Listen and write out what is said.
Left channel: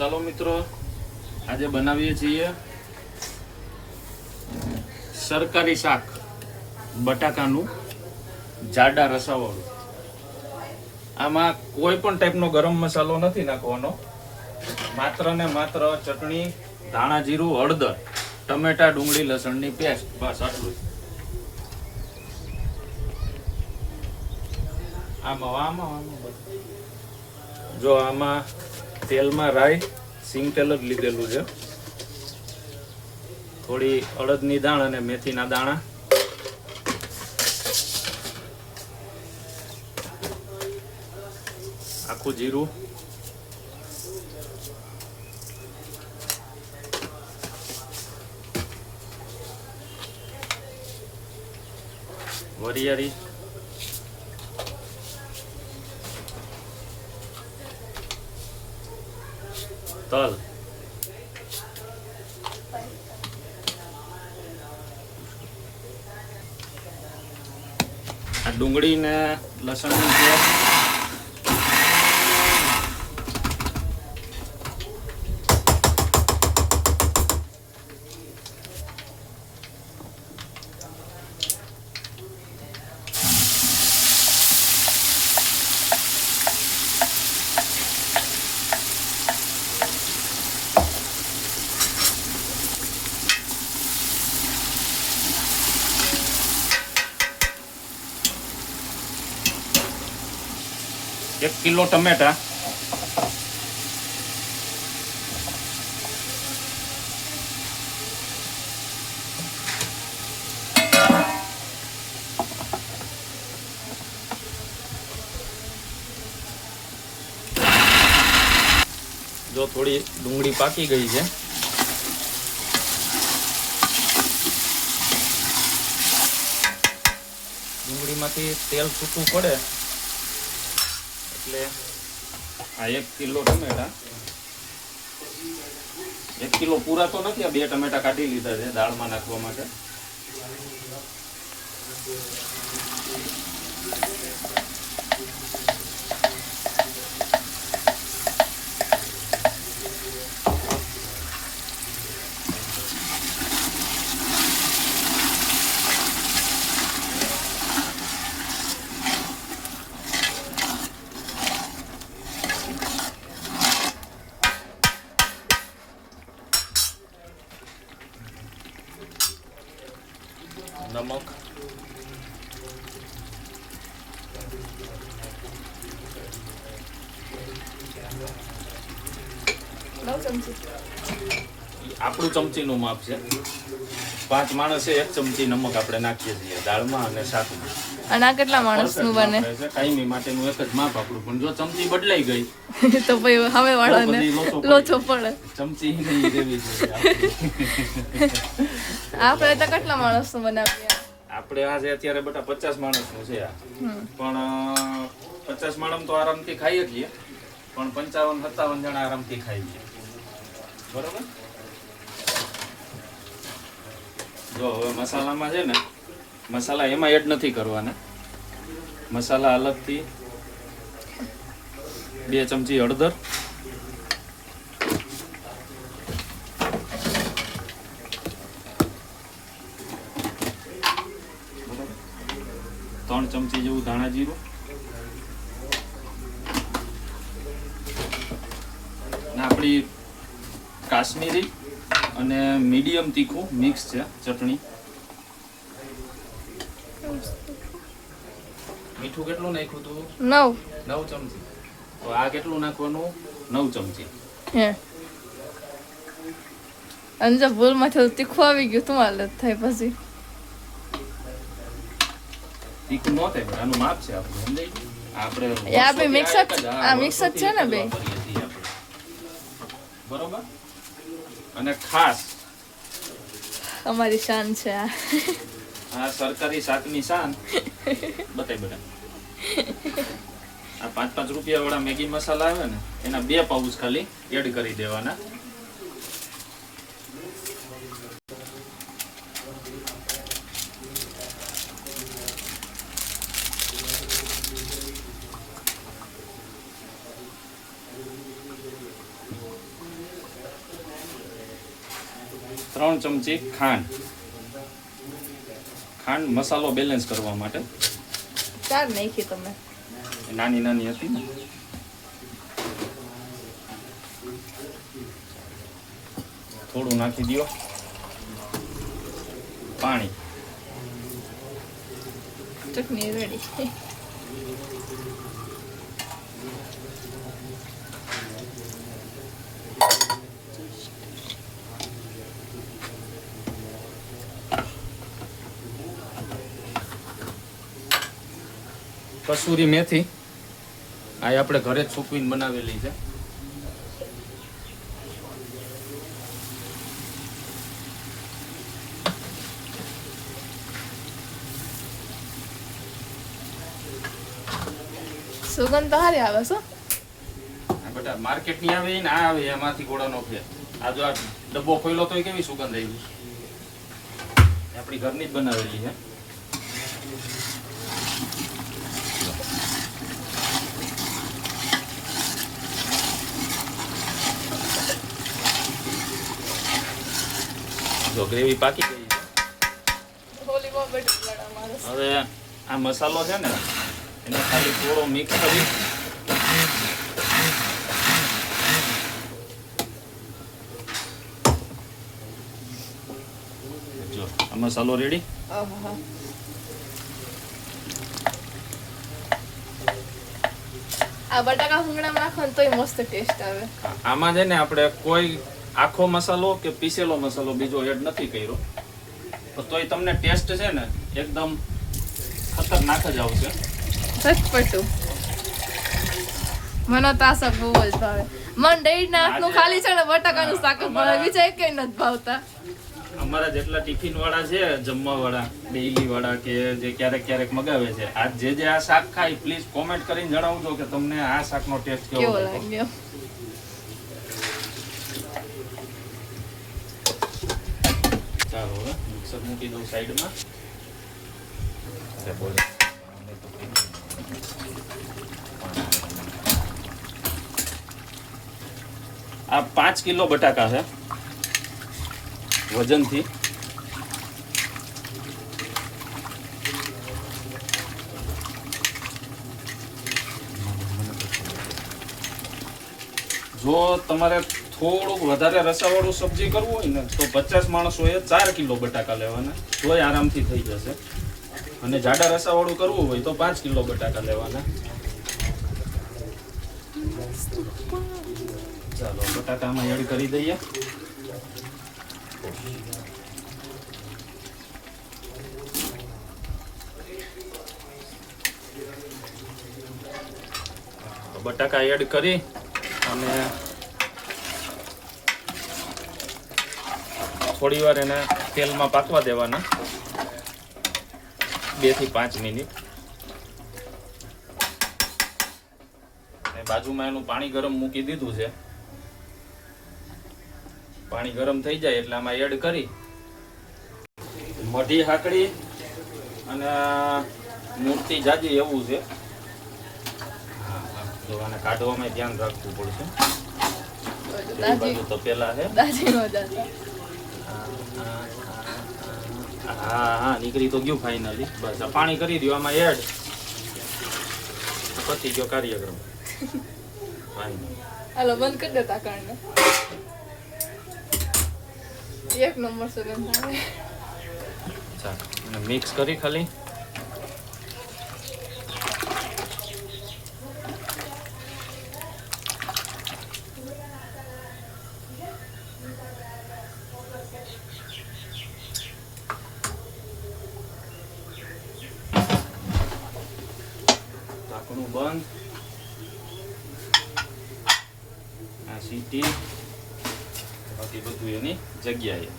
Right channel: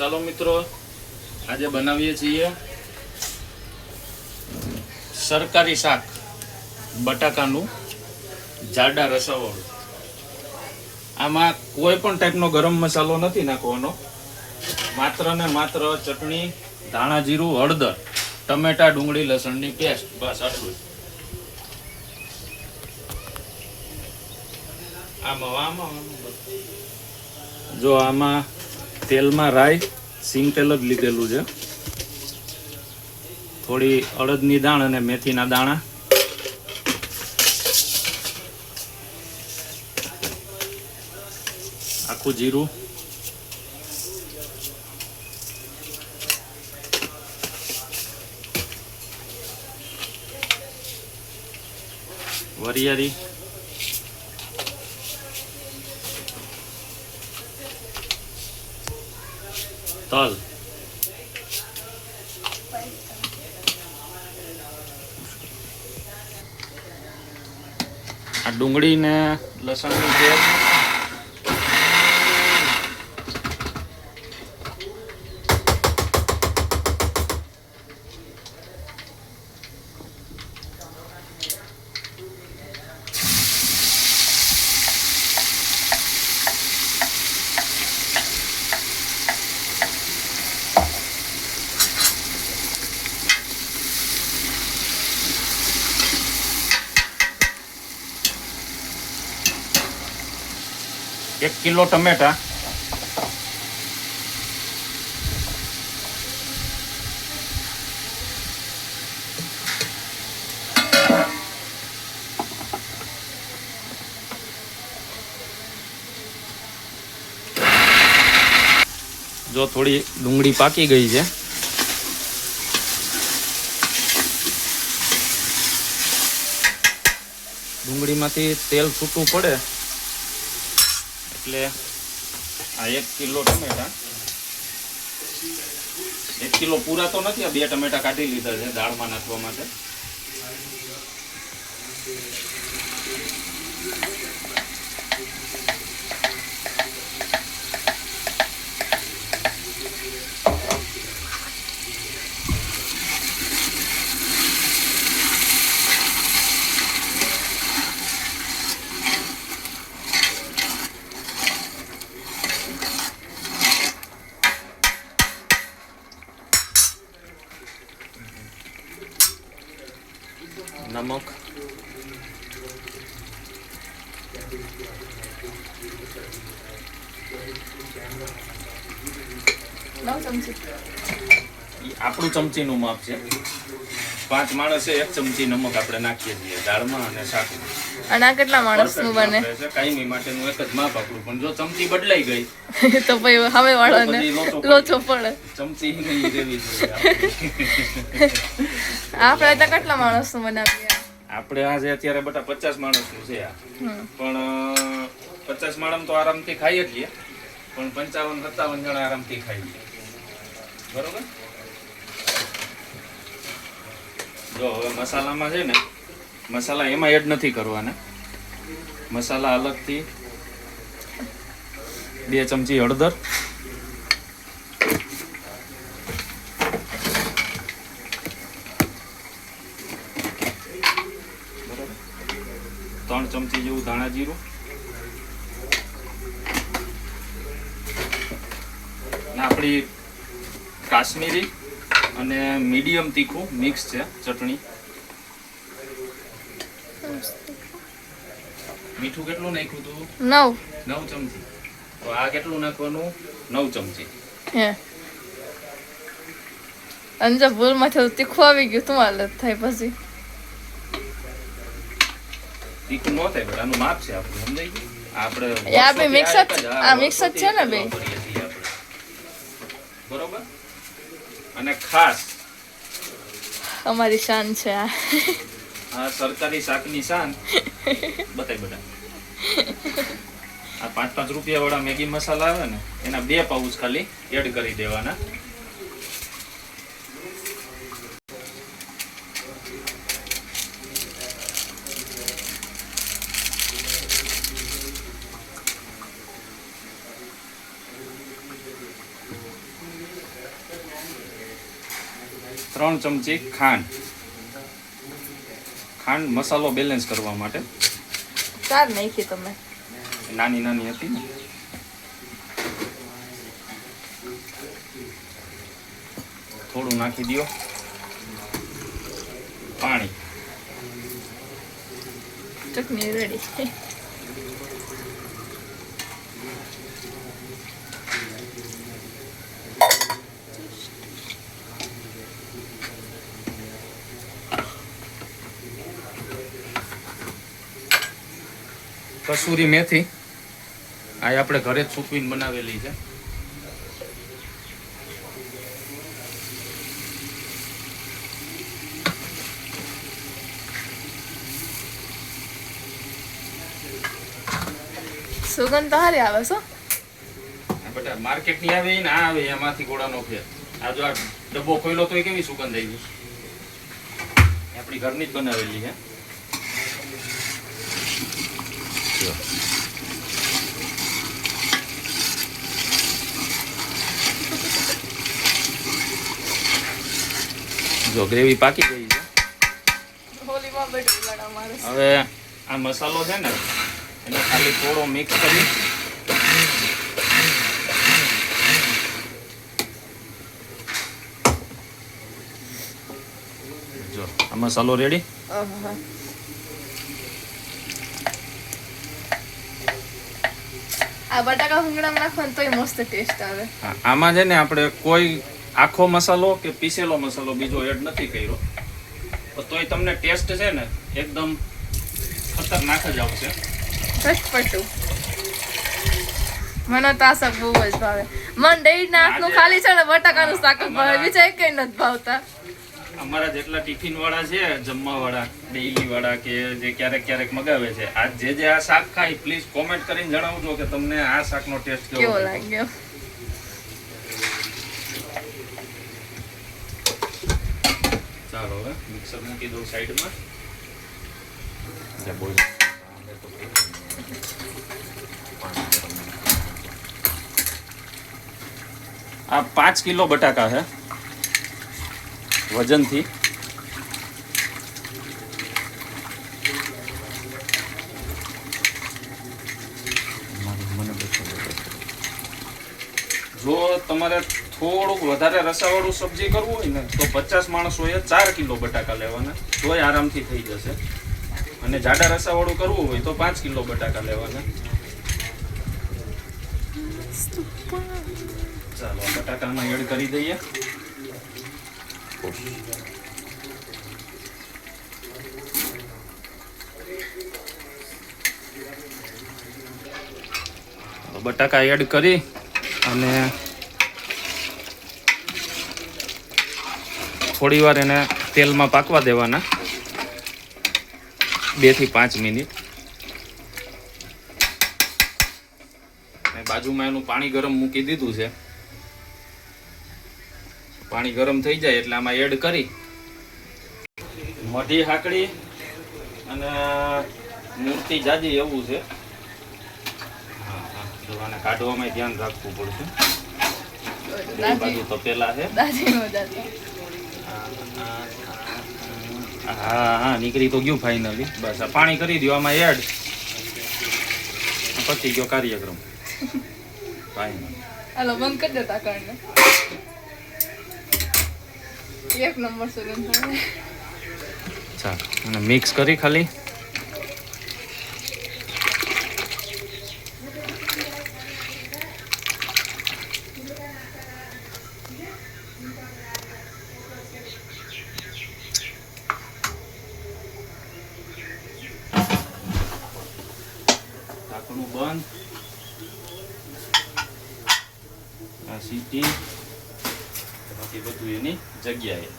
ચાલો મિત્રો, આજે બનાવીએ છીએ સરકારી શાક, બટાકાનું જાડા રસાવાળું. આમાં કોઈ પણ ટાઈપનો ગરમ મસાલો નથી નાખવાનો, માત્ર ને માત્ર ચટણી, ધાણા જીરું, હળદર, ટમેટા, ડુંગળી, લસણની પેસ્ટ, બસ આટલું જ. જો આમાં તેલમાં રાઈ, સિંગ તેલ જ લીધેલું છે, થોડી અડદની દાણ અને મેથીના દાણા, આખું જીરું, વરિયાળી, તલ, આ ડુંગળી ને લસણની પેસ્ટ, એક કિલો ટમેટા, જો થોડી ડુંગળી પાકી ગઈ છે, ડુંગળીમાંથી તેલ છૂટું પડે એટલે આ 1 કિલો ટમેટા, 1 કિલો પૂરા તો નથી, આ 2 ટમેટા કાઢી લીધા છે દાળમાં નાખવા માટે. નમક, આપણું ચમચીનું માપ છે. 5 માણસે 1 ચમચી નમક આપણે નાખીએ છીએ દાળમાં અને શાકમાં. અને આ કેટલા માણસનું બને? કાયમી માટેનું એક જ માપ આપણું, પણ જો ચમચી બદલાઈ ગઈ તો પછી હવે વાળાને લોચો પડે. ચમચી ગઈ દેવી જોઈએ. આપણે તો કેટલા માણસનું બનાવીએ? આપણે આજે અત્યારે બટા 50 માણસનું છે આ, પણ 50 માણસ તો આરામથી ખાઈ જ લઈએ, પણ 55-57 જણા આરામથી ખાઈ લઈએ. બરોબર. જો હવે મસાલામાં છે ને, મસાલા એમાં એડ નથી કરવાના. મસાલા અલગથી 2 ચમચી હળદર, 3 ચમચી જેવું ધાણા જીરું, ને આપણી કાશ્મીરી અને મીડિયમ તીખું મિક્સ છે ચટણી. મીઠું કેટલું નાખ્યું તું? 9 ચમચી. તો આ કેટલું નાખવાનું? 9 ચમચી. હે અંજા ભૂલમાં થોડું તીખું આવી ગયું, તમારે થાય પછી તીખું ન થાય, પણ આનું માપ છે આપણું, સમજાય ગયું? આપણે આ બે મિક્સ જ, આ મિક્સ જ છે ને બે. બરોબર. અને ખાસ અમારી શાન છે આ. આ સરકારી શાકની શાન બતાય બધા. આ 5-5 રૂપિયા વાળા મેગી મસાલા આવે ને, એના 2 પાઉચ ખાલી એડ કરી દેવાના. 3 ચમચી ખાંડ મસાલો બેલેન્સ કરવા માટે. 4 નાખી તમે. નાની નાની હતી ને. થોડું નાખી દો પાણી. ચટણી રેડી. કસૂરી મેથી આ આપણે ઘરે જ સૂકવીને બનાવેલી છે. સુગંધ તો સારી આવે છો. બેટા માર્કેટ ની આવે ને આ આવે એમાંથી ગોળાનો ફેર. આ જો આ ડબ્બો ખોલ્યો તો કેવી સુગંધ આવી. આપણી ઘરની જ બનાવેલી છે. જો ગ્રેવી પાકી ગઈ છે. હોલીમાં બેઠું લડા મારે. હવે આ મસાલો છે ને એનો ખાલી થોડો મિક્સ કરી જો આ મસાલો રેડી. આહા. આ બટાકા ભૂંગળામાં નાખો ને તોય મસ્ત ટેસ્ટ આવે. આમાં છે ને આપણે કોઈ આખો મસાલો કે પીસેલો મસાલો બીજો એડ નથી કર્યો, તોય તમને ટેસ્ટ છે ને એકદમ ખતરનાક જ આવશે. ચટપટું. મને તો આ શાક બહુ જ ભાવે. મને દહીંના હાથનું ખાલી છે ને બટાકાનું શાક જ ભાવે, બીજા એકેય નથી ભાવતા. અમારા જેટલા ટિફિન વાળા છે, જમવા વાળા, ડેઈલી વાળા કે જે ક્યારેક ક્યારેક મગાવે છે, આ જે આ શાક ખાય પ્લીઝ કોમેન્ટ કરીને જણાવજો કે તમને આ શાકનો ટેસ્ટ કેવો લાગ્યો. ચાલો હવે મિક્સર મૂકી દઉં સાઈડમાં. બોલ આ 5 કિલો બટાકા છે વજનથી. જો તમારે થોડુંક વધારે રસાવાળું સબ્જી કરવું હોય ને તો 50 માણસોએ 4 કિલો બટાકા લેવાના, તોય આરામથી થઈ જશે. અને જાડા રસાવાળું કરવું હોય તો 5 કિલો બટાકા લેવાના. ચાલો બટાકામાં એડ કરી દઈએ. બટાકા એડ કરી અને થોડી વાર એને તેલમાં પાકવા દેવાના 2 થી 5 મિનિટ. બાજુમાં એનું પાણી ગરમ મૂકી દીધું છે. પાણી ગરમ થઈ જાય એટલે આમાં એડ કરી મઢી હાકડી અને મૂર્તિ જાજી એવું છે. આને કાઢવામાં ધ્યાન રાખવું પડશે. બાજુ તો પેલા છે. હા નીકળી તો ગયું ફાઇનલી. બસ આ પાણી કરી દો આમાં એડ. પતી ગયો કાર્યક્રમ. હાલો બંધ કરી દે તાકણને. એક નંબર સુગંધ આવે. ચાલ અને મિક્સ કરી ખાલી. ઢાંકણું બંધ. આ સીટી બાકી બધું એની જગ્યાએ.